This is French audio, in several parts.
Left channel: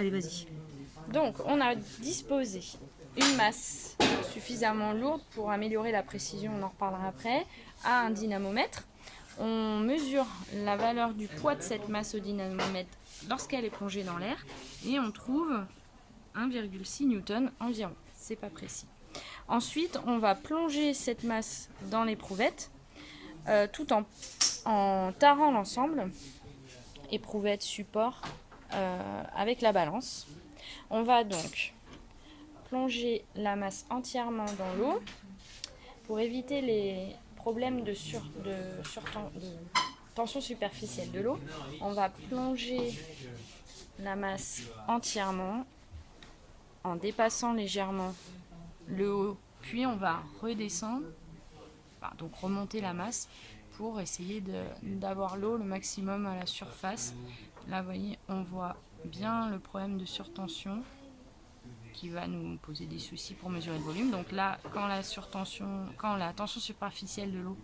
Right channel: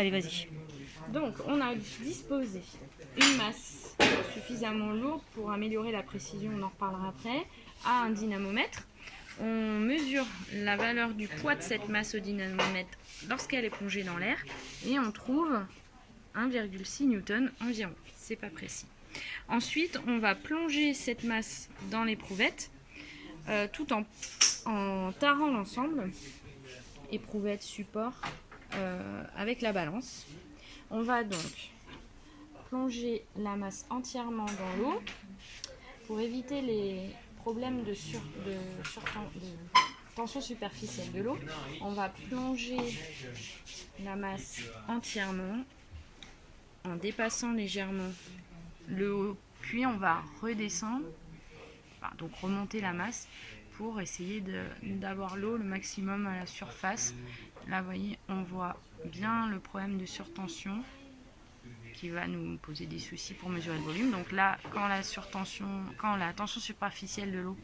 Allez, vas-y. Donc, on a disposé une masse suffisamment lourde pour améliorer la précision, on en reparlera après, à un dynamomètre. On mesure la valeur du poids de cette masse au dynamomètre lorsqu'elle est plongée dans l'air et on trouve 1,6 Newton environ. C'est pas précis. Ensuite, on va plonger cette masse dans l'éprouvette tout en tarant l'ensemble, éprouvette, support, avec la balance. On va donc plonger la masse entièrement dans l'eau pour éviter les problèmes de tension superficielle de l'eau. On va plonger la masse entièrement en dépassant légèrement le haut, puis on va redescendre, donc remonter la masse pour essayer d'avoir l'eau le maximum à la surface. Là, vous voyez, on voit bien le problème de surtension qui va nous poser des soucis pour mesurer le volume. Donc là, quand la tension superficielle de l'eau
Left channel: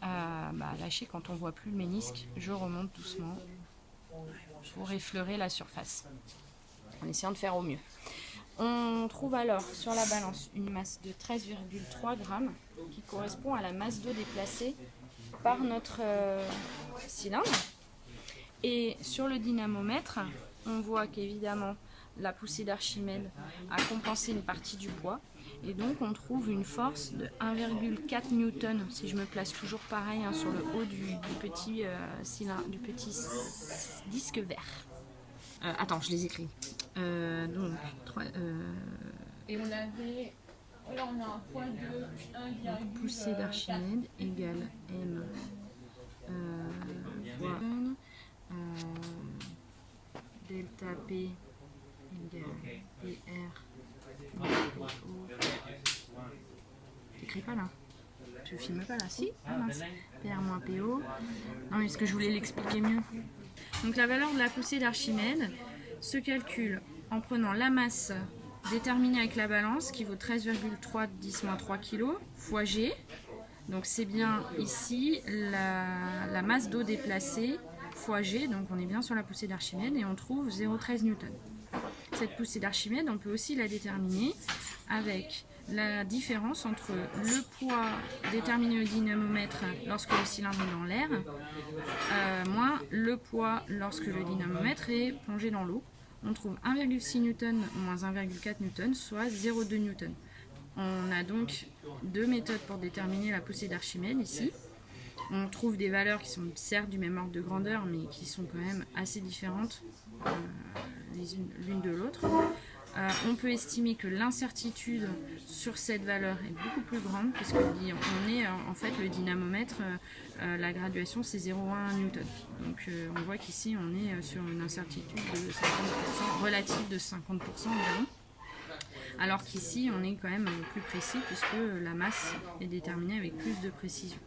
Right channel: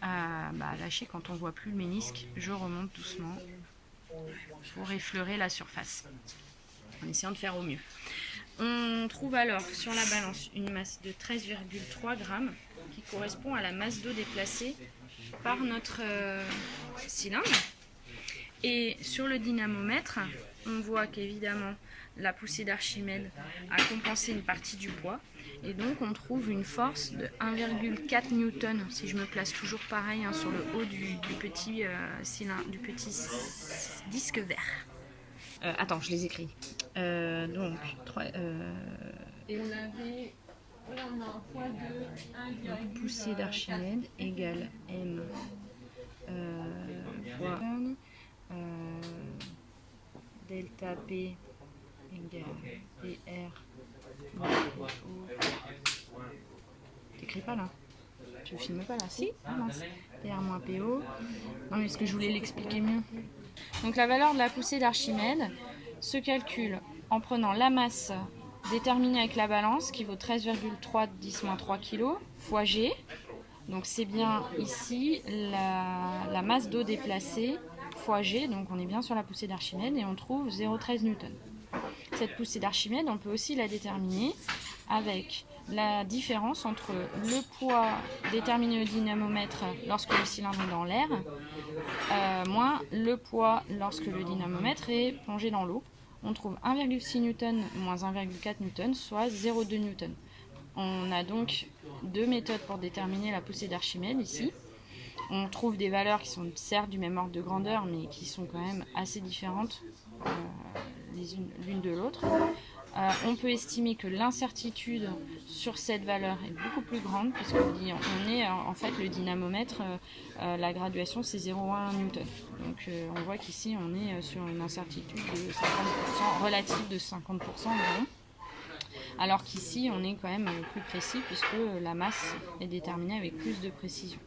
a lâché, quand on ne voit plus le ménisque, je remonte doucement pour effleurer la surface, en essayant de faire au mieux. On trouve alors sur la balance une masse de 13,3 grammes qui correspond à la masse d'eau déplacée par notre cylindre. Et sur le dynamomètre, on voit qu'évidemment la poussée d'Archimède a compensé une partie du poids. Et donc on trouve une force de 1,4 Newton, si je me place toujours pareil sur le haut du petit cylindre, du petit disque vert. Attends, je les écris. Donc, 3, et on avait. Là, on a un point de 1, poussée d'Archimède égale M fois delta P égale PR. T'écris pas là? Tu filmes pas là? Si? Ah mince. PR moins PO. Non, mais est-ce que je voulais l'expliquer mieux? Donc la valeur de la poussée d'Archimède se calcule en prenant la masse déterminée avec la balance qui vaut 13,3 10-3 kg fois G. Donc c'est bien ici la masse d'eau déplacée fois G. Donc on est bien sur la poussée d'Archimède et on trouve 0,13 Newton. Cette poussée d'Archimède, on peut aussi la déterminer avec la différence entre le poids déterminé au dynamomètre lorsque le cylindre est dans l'air, moins le poids lorsque le dynamomètre est plongé dans l'eau. On trouve 1,6 Newton moins 1,4 Newton, soit 0,2 Newton. On a donc deux méthodes pour déterminer la poussée d'Archimède ici. On trouve des valeurs qui sont certes du même ordre de grandeur, mais qui sont quand même assez différentes l'une de l'autre. On peut estimer que l'incertitude sur cette valeur est beaucoup plus grande, puisque on est en fait le dynamomètre, la graduation c'est 0,1 Newton. Donc on voit qu'ici on est sur une incertitude de 50%, relative de 50% environ. Alors qu'ici on est quand même plus précis puisque la masse est déterminée avec plus de précision.